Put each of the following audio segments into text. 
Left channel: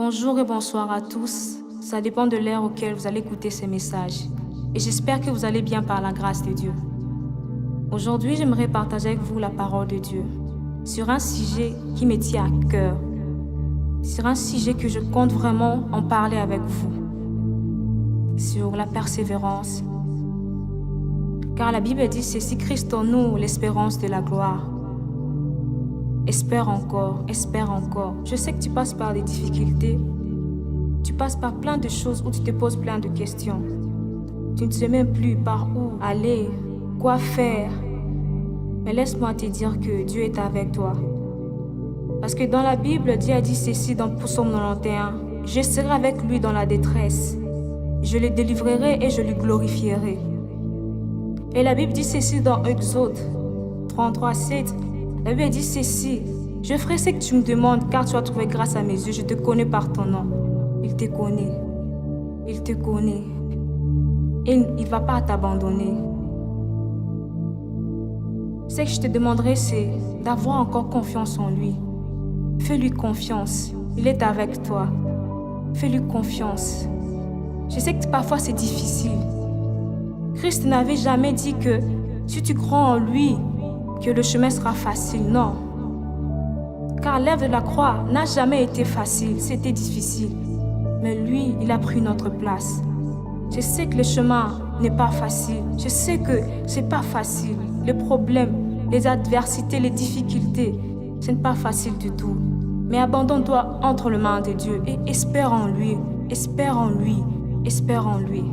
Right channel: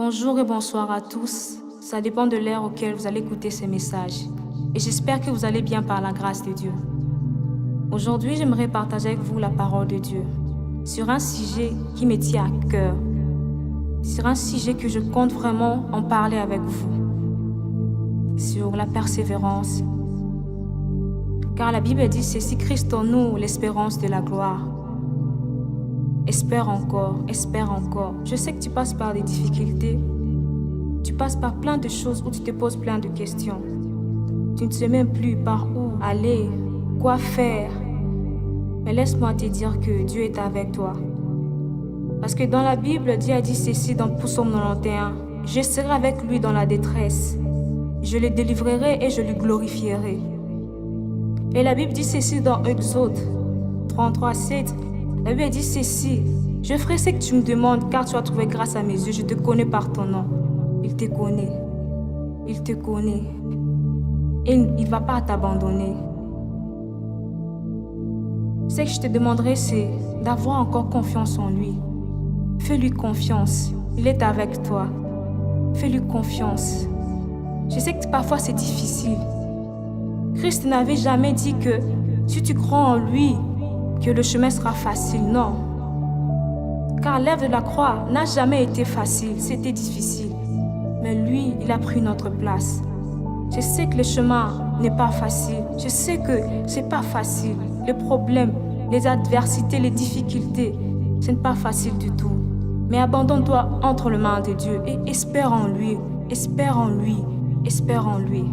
Bonjour et bonsoir à tous. Ça dépend de l'heure auquel vous allez écouter ces messages. Et j'espère que vous allez bien par la grâce de Dieu. Aujourd'hui, j'aimerais partager avec vous la parole de Dieu sur un sujet qui me tient à cœur. Sur un sujet que je compte vraiment en parler avec vous. Sur la persévérance. Car la Bible dit c'est si Christ en nous l'espérance de la gloire. Espère encore, espère encore. Je sais que tu passes par des difficultés. Tu passes par plein de choses où tu te poses plein de questions. Tu ne sais même plus par où aller, quoi faire. Mais laisse-moi te dire que Dieu est avec toi. Parce que dans la Bible, Dieu a dit ceci dans Psaume 91. Je serai avec lui dans la détresse. Je le délivrerai et je le glorifierai. Et la Bible dit ceci dans Exode 33:7. La Bible dit ceci. Je ferai ce que tu me demandes car tu as trouvé grâce à mes yeux. Je te connais par ton nom. Il te connaît. Il te connaît. Et il ne va pas t'abandonner. Ce que je te demanderai, c'est d'avoir encore confiance en lui. Fais-lui confiance. Il est avec toi. Fais-lui confiance. Je sais que parfois c'est difficile. Christ n'avait jamais dit que si tu crois en lui, que le chemin sera facile. Non. Car l'œuvre de la croix n'a jamais été facile. C'était difficile. Mais lui, il a pris notre place. Je sais que le chemin n'est pas facile. Je sais que c'est pas facile. Les problèmes, les adversités, les difficultés, ce n'est pas facile du tout. Mais abandonne-toi entre les mains de Dieu et espère en lui. Espère en lui. Espère en lui.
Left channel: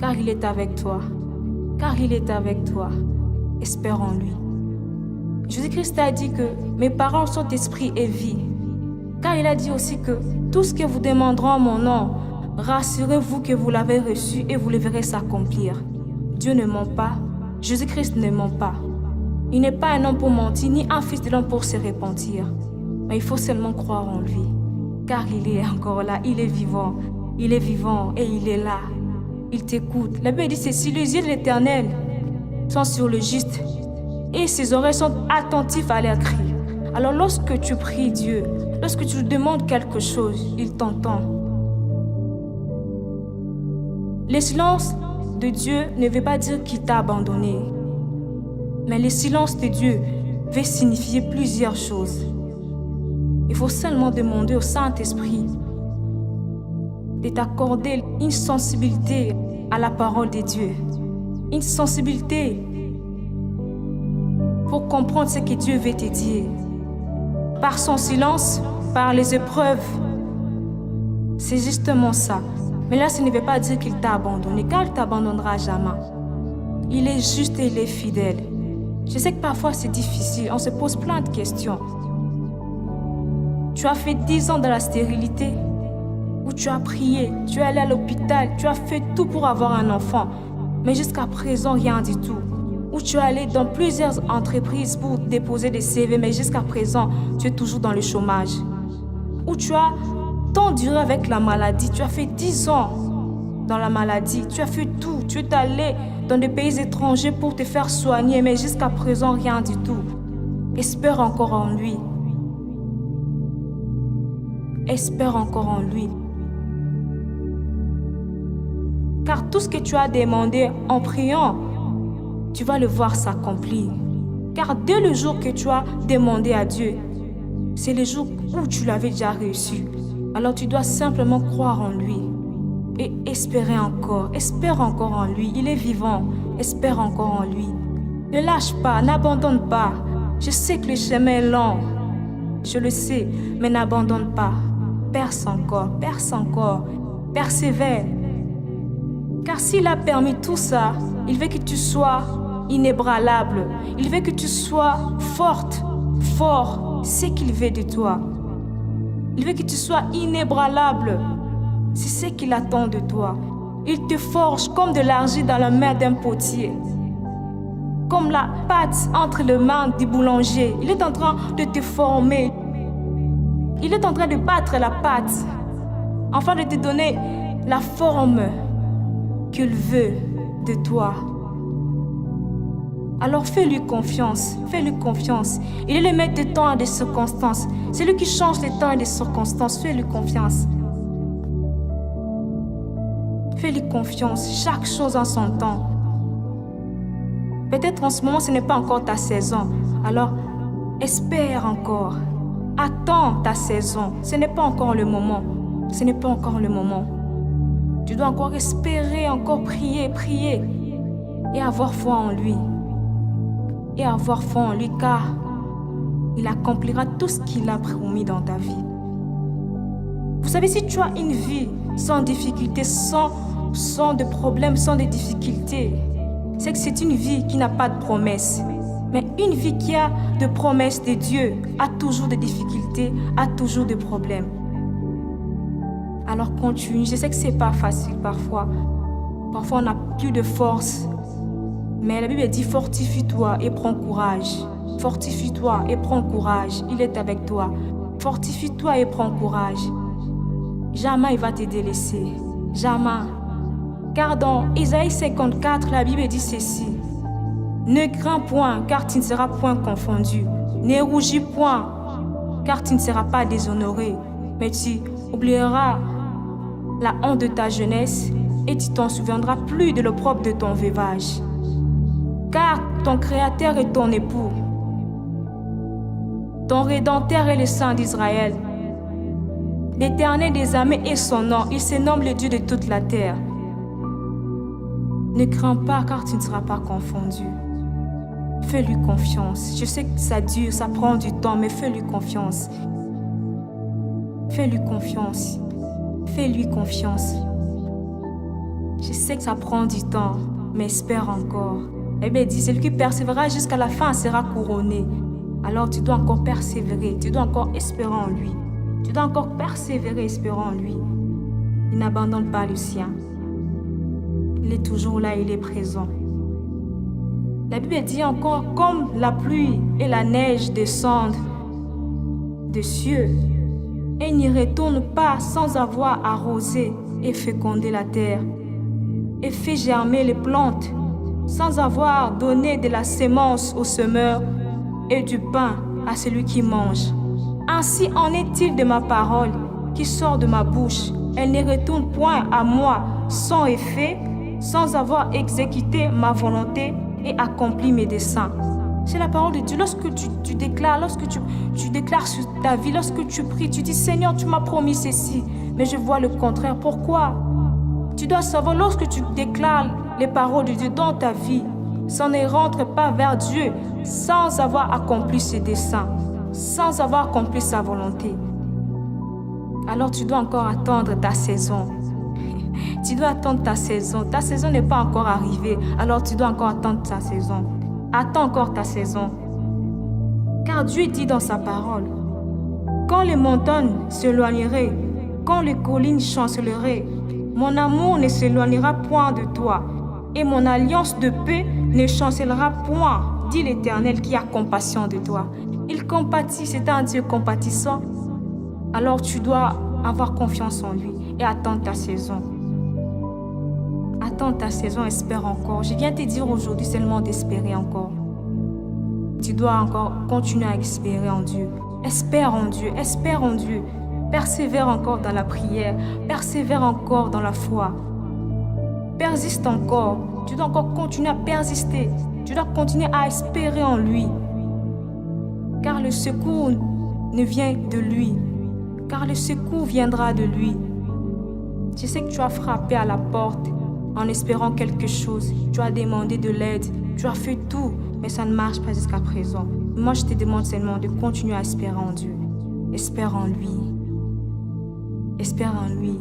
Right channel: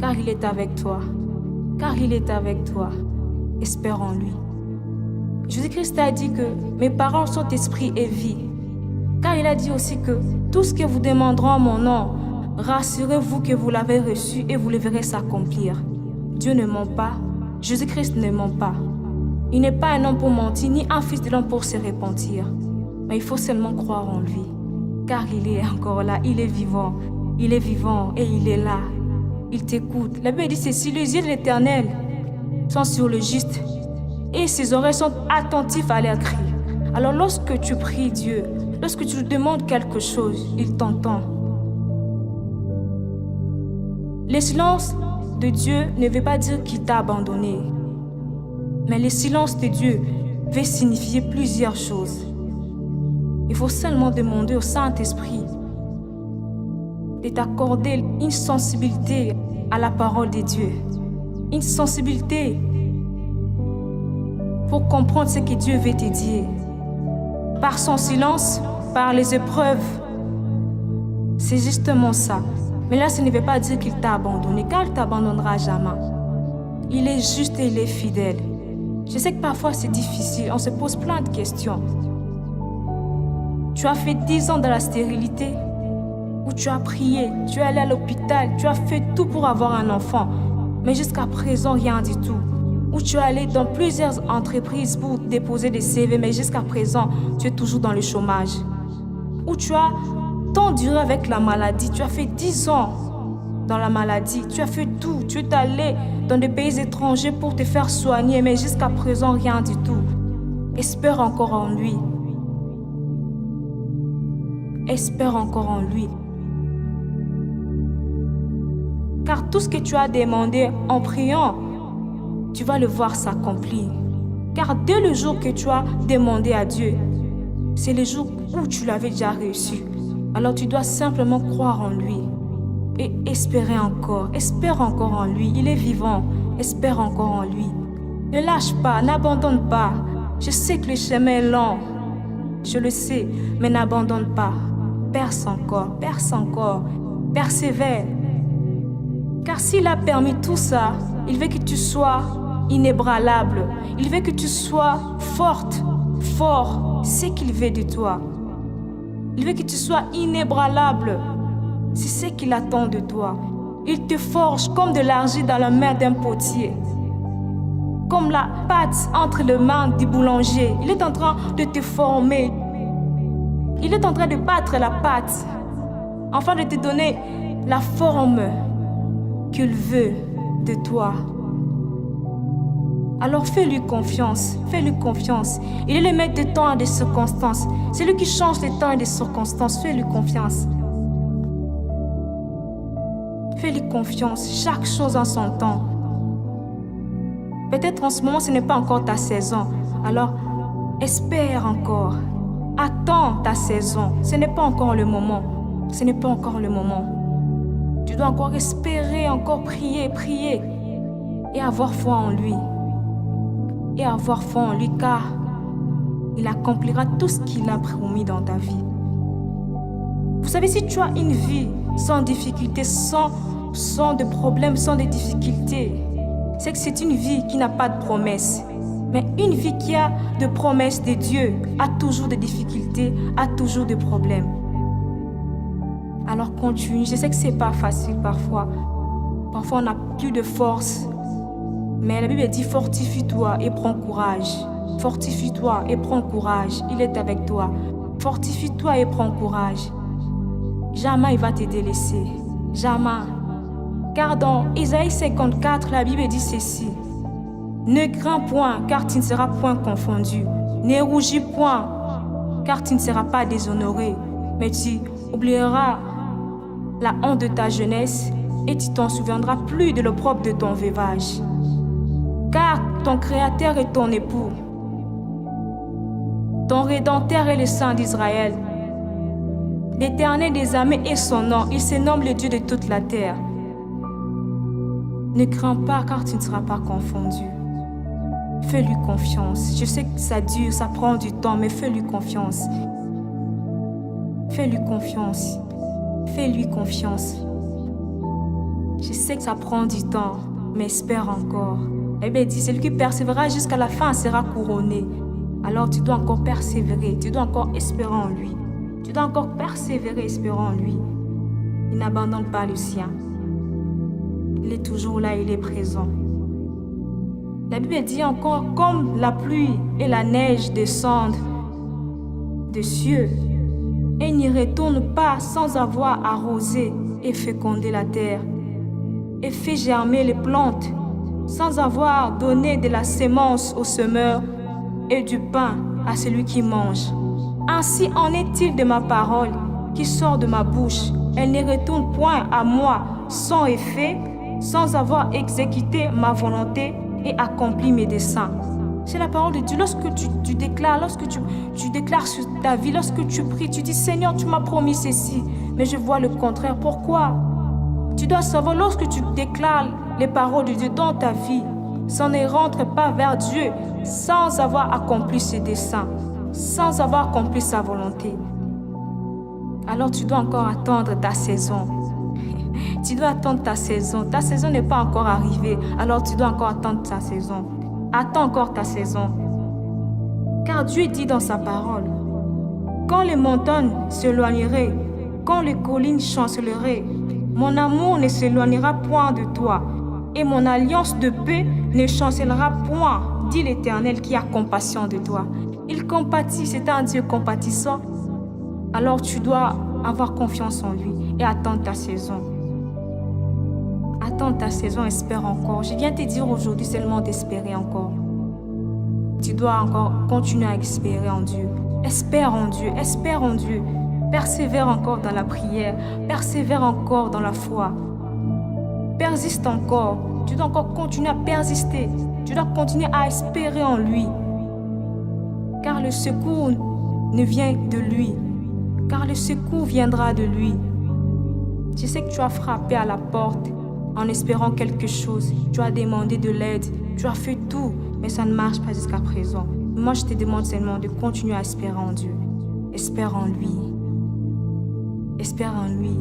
Car il est avec toi. Car il est avec toi. Espère en lui. Jésus-Christ a dit que mes paroles sont esprit et vie. Car il a dit aussi que tout ce que vous demanderez en mon nom, rassurez-vous que vous l'avez reçu et vous le verrez s'accomplir. Dieu ne ment pas. Jésus-Christ ne ment pas. Il n'est pas un homme pour mentir, ni un fils de l'homme pour se repentir. Mais il faut seulement croire en lui. Car il est encore là, il est vivant. Il est vivant et il est là. Il t'écoute. La Bible dit ceci, les yeux de l'Éternel sont sur le juste et ses oreilles sont attentives à leurs cris. Alors lorsque tu pries Dieu, lorsque tu lui demandes quelque chose, il t'entend. Le silence de Dieu ne veut pas dire qu'il t'a abandonné. Mais le silence de Dieu veut signifier plusieurs choses. Il faut seulement demander au Saint-Esprit de t'accorder une sensibilité à la parole de Dieu. Une sensibilité pour comprendre ce que Dieu veut te dire. Par son silence, par les épreuves. C'est justement ça. Mais là, ça ne veut pas dire qu'il t'a abandonné, car il ne t'abandonnera jamais. Il est juste et il est fidèle. Je sais que parfois c'est difficile, on se pose plein de questions. Tu as fait 10 ans dans la stérilité, où tu as prié, tu es allé à l'hôpital, tu as fait tout pour avoir un enfant, mais jusqu'à présent, rien du tout. Où tu es allé dans plusieurs entreprises pour déposer des CV, mais jusqu'à présent, tu es toujours dans le chômage. Où tu as tant duré avec la maladie, tu as fait 10 ans dans la maladie, tu as fait tout, tu es allé dans des pays étrangers pour te faire soigner, mais jusqu'à présent, rien du tout. Espère encore en lui. Espère encore en lui. Car tout ce que tu as demandé en priant, tu vas le voir s'accomplir. Car dès le jour que tu as demandé à Dieu, c'est le jour où tu l'avais déjà reçu. Alors tu dois simplement croire en lui et espérer encore. Espère encore en lui. Il est vivant. Espère encore en lui. Ne lâche pas, n'abandonne pas. Je sais que le chemin est long. Je le sais, mais n'abandonne pas. Perce encore, persévère. Car s'il a permis tout ça, il veut que tu sois inébranlable. Il veut que tu sois forte, fort. C'est ce qu'il veut de toi. Il veut que tu sois inébranlable. C'est ce qu'il attend de toi. Il te forge comme de l'argile dans la main d'un potier. Comme la pâte entre les mains du boulanger. Il est en train de te former. Il est en train de battre la pâte afin de te donner la forme qu'il veut de toi. Alors fais-lui confiance, fais-lui confiance. Il est le maître des temps et des circonstances. C'est lui qui change les temps et les circonstances. Fais-lui confiance. Fais-lui confiance, chaque chose en son temps. Peut-être en ce moment, ce n'est pas encore ta saison. Alors, espère encore. Attends ta saison. Ce n'est pas encore le moment. Ce n'est pas encore le moment. Tu dois encore espérer, encore prier, prier. Et avoir foi en lui. Et avoir foi en lui, car il accomplira tout ce qu'il a promis dans ta vie. Vous savez, si tu as une vie sans difficulté, sans de problèmes, sans de difficultés, c'est que c'est une vie qui n'a pas de promesses. Mais une vie qui a de promesses de Dieu a toujours des difficultés, a toujours des problèmes. Alors continue. Je sais que c'est pas facile parfois. Parfois on n'a plus de force. Mais la Bible dit fortifie-toi et prends courage. Fortifie-toi et prends courage. Il est avec toi. Fortifie-toi et prends courage. Jamais il va te délaisser. Jamais. Car dans Isaïe 54, la Bible dit ceci. Ne crains point, car tu ne seras point confondu. Ne rougis point, car tu ne seras pas déshonoré. Mais tu oublieras la honte de ta jeunesse et tu t'en souviendras plus de l'opprobre de ton veuvage. Car ton Créateur est ton époux. Ton Rédempteur est le Saint d'Israël. L'Éternel des armées est son nom. Il se nomme le Dieu de toute la terre. Ne crains pas car tu ne seras pas confondu. Fais-lui confiance. Je sais que ça dure, ça prend du temps, mais fais-lui confiance. Fais-lui confiance. Fais-lui confiance. Je sais que ça prend du temps, mais espère encore. La Bible dit, celui qui persévérera jusqu'à la fin sera couronné. Alors tu dois encore persévérer, tu dois encore espérer en lui. Tu dois encore persévérer, espérer en lui. Il n'abandonne pas le sien. Il est toujours là, il est présent. La Bible dit encore, comme la pluie et la neige descendent des cieux, et n'y retournent pas sans avoir arrosé et fécondé la terre, et fait germer les plantes, sans avoir donné de la sémence au semeur et du pain à celui qui mange. Ainsi en est-il de ma parole qui sort de ma bouche. Elle ne retourne point à moi sans effet, sans avoir exécuté ma volonté et accompli mes desseins. C'est la parole de Dieu. Lorsque tu déclares, lorsque tu déclares sur ta vie, lorsque tu pries, tu dis Seigneur, tu m'as promis ceci, mais je vois le contraire. Pourquoi? Tu dois savoir, lorsque tu déclares les paroles de Dieu dans ta vie, ça ne rentre pas vers Dieu sans avoir accompli ses desseins, sans avoir accompli sa volonté. Alors tu dois encore attendre ta saison. Tu dois attendre ta saison. Ta saison n'est pas encore arrivée, alors tu dois encore attendre ta saison. Attends encore ta saison. Car Dieu dit dans sa parole, quand les montagnes s'éloigneraient, quand les collines chanceleraient, mon amour ne s'éloignera point de toi, et mon alliance de paix ne chancellera point, dit l'Éternel qui a compassion de toi. Il compatit, c'est un Dieu compatissant. Alors tu dois avoir confiance en lui et attendre ta saison. Attends ta saison, espère encore. Je viens te dire aujourd'hui seulement d'espérer encore. Tu dois encore continuer à espérer en Dieu. Espère en Dieu, espère en Dieu. Persévère encore dans la prière, persévère encore dans la foi. Persiste encore. Tu dois encore continuer à persister. Tu dois continuer à espérer en lui. Car le secours ne vient de lui. Car le secours viendra de lui. Je sais que tu as frappé à la porte en espérant quelque chose. Tu as demandé de l'aide. Tu as fait tout, mais ça ne marche pas jusqu'à présent. Moi, je te demande seulement de continuer à espérer en Dieu. Espère en lui. Espère en lui.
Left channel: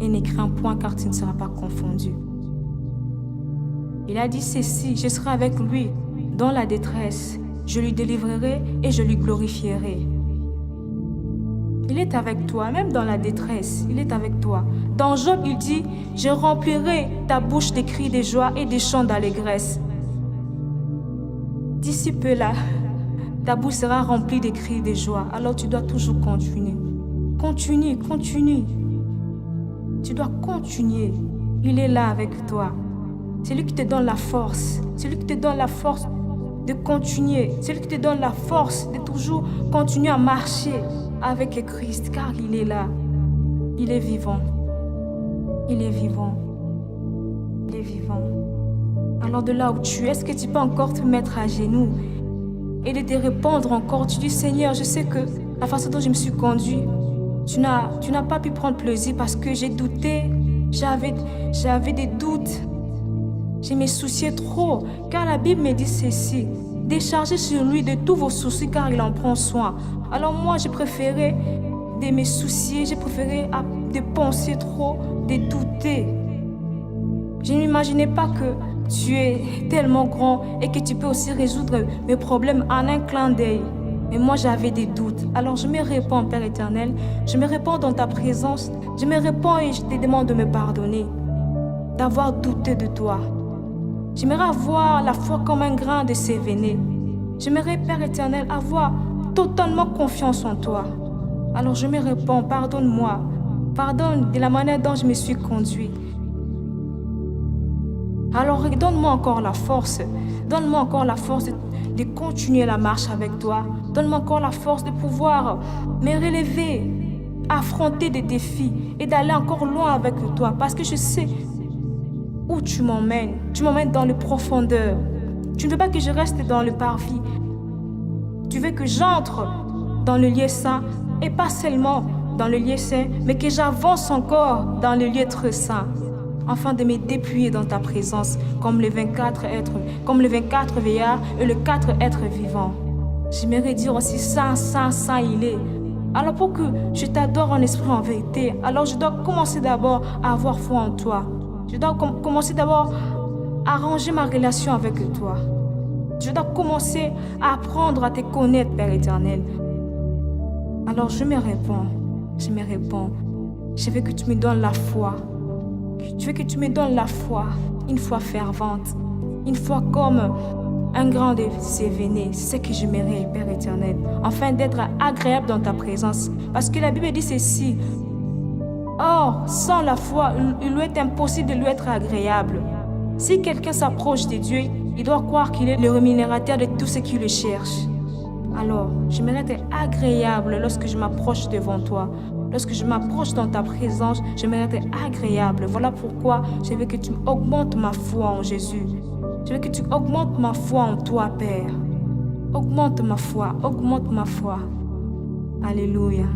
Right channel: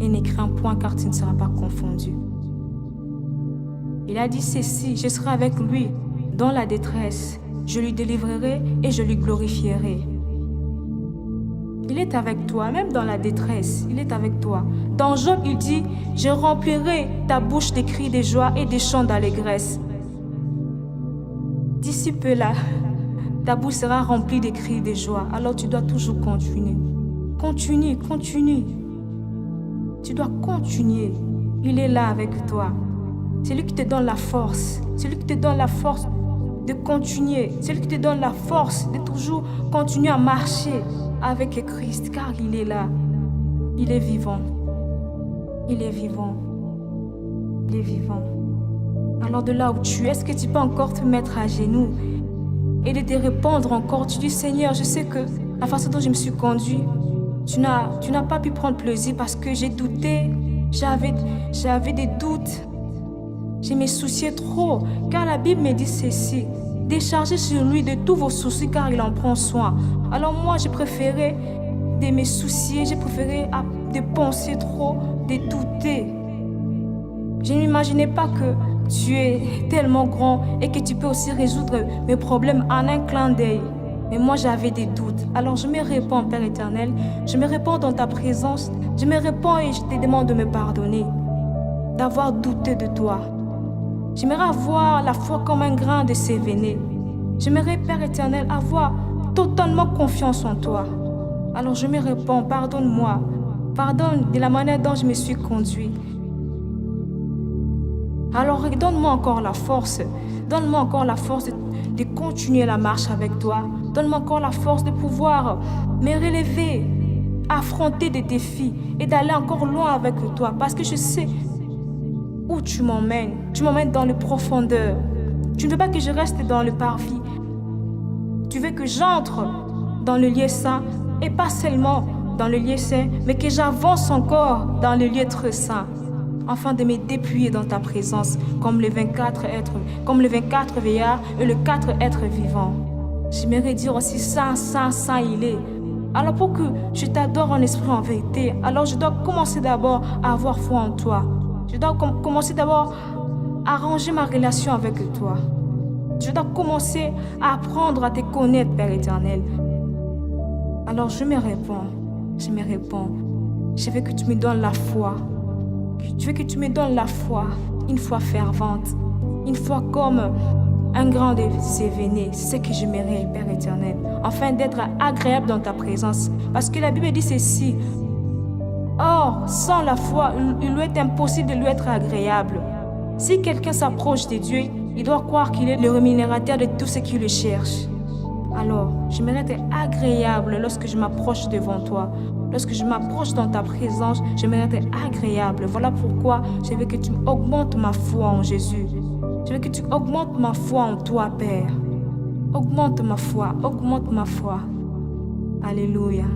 Et ne crains point car tu ne seras pas confondu. Il a dit ceci, je serai avec lui dans la détresse. Je lui délivrerai et je lui glorifierai. Il est avec toi, même dans la détresse, il est avec toi. Dans Job, il dit, je remplirai ta bouche de cris de joie et de chants d'allégresse. D'ici peu là, ta bouche sera remplie de cris de joie. Alors tu dois toujours continuer. Continue, continue. Tu dois continuer. Il est là avec toi. C'est lui qui te donne la force. C'est lui qui te donne la force de continuer. C'est lui qui te donne la force de toujours continuer à marcher avec Christ, car il est là. Il est vivant. Il est vivant. Il est vivant. Alors de là où tu es, est-ce que tu peux encore te mettre à genoux et de te répondre encore? Tu dis, Seigneur, je sais que la façon dont je me suis conduit, tu n'as pas pu prendre plaisir parce que j'ai douté, j'avais des doutes, je me souciais trop, car la Bible me dit ceci, déchargez sur lui de tous vos soucis car il en prend soin. Alors moi, j'ai préféré de me soucier, j'ai préféré de penser trop, de douter. Je n'imaginais pas que tu es tellement grand et que tu peux aussi résoudre mes problèmes en un clin d'œil. Mais moi, j'avais des doutes. Alors je me répands, Père éternel. Je me répands dans ta présence. Je me répands et je te demande de me pardonner, d'avoir douté de toi. J'aimerais avoir la foi comme un grain de sévéné. J'aimerais, Père éternel, avoir totalement confiance en toi. Alors je me répands, pardonne-moi. Pardonne de la manière dont je me suis conduit. Alors donne-moi encore la force. Donne-moi encore la force de continuer la marche avec toi. Donne-moi encore la force de pouvoir me relever, affronter des défis et d'aller encore loin avec toi. Parce que je sais où tu m'emmènes. Tu m'emmènes dans les profondeurs. Tu ne veux pas que je reste dans le parvis. Tu veux que j'entre dans le lieu saint et pas seulement dans le lieu saint, mais que j'avance encore dans le lieu très saint. Afin de me dépouiller dans ta présence comme les 24 veillards et les 4 êtres vivants. J'aimerais dire aussi saint, saint, saint il est. Alors pour que je t'adore en esprit en vérité, alors je dois commencer d'abord à avoir foi en toi. Je dois commencer d'abord à ranger ma relation avec toi. Je dois commencer à apprendre à te connaître, Père éternel. Alors je me réponds. Je veux que tu me donnes la foi. Je veux que tu me donnes la foi, une foi fervente, une foi comme un grain de sévéné. C'est ce que je mérite, Père éternel, afin d'être agréable dans ta présence. Parce que la Bible dit ceci. Or, sans la foi, il lui est impossible de lui être agréable. Si quelqu'un s'approche de Dieu, il doit croire qu'il est le rémunérateur de tout ce qui le cherche. Alors, je mérite être agréable lorsque je m'approche devant toi. Lorsque je m'approche dans ta présence, je mérite être agréable. Voilà pourquoi je veux que tu augmentes ma foi en Jésus. Je veux que tu augmentes ma foi en toi, Père. Augmente ma foi, augmente ma foi. Alléluia.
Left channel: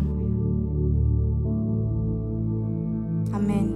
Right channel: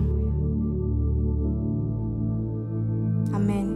Amen.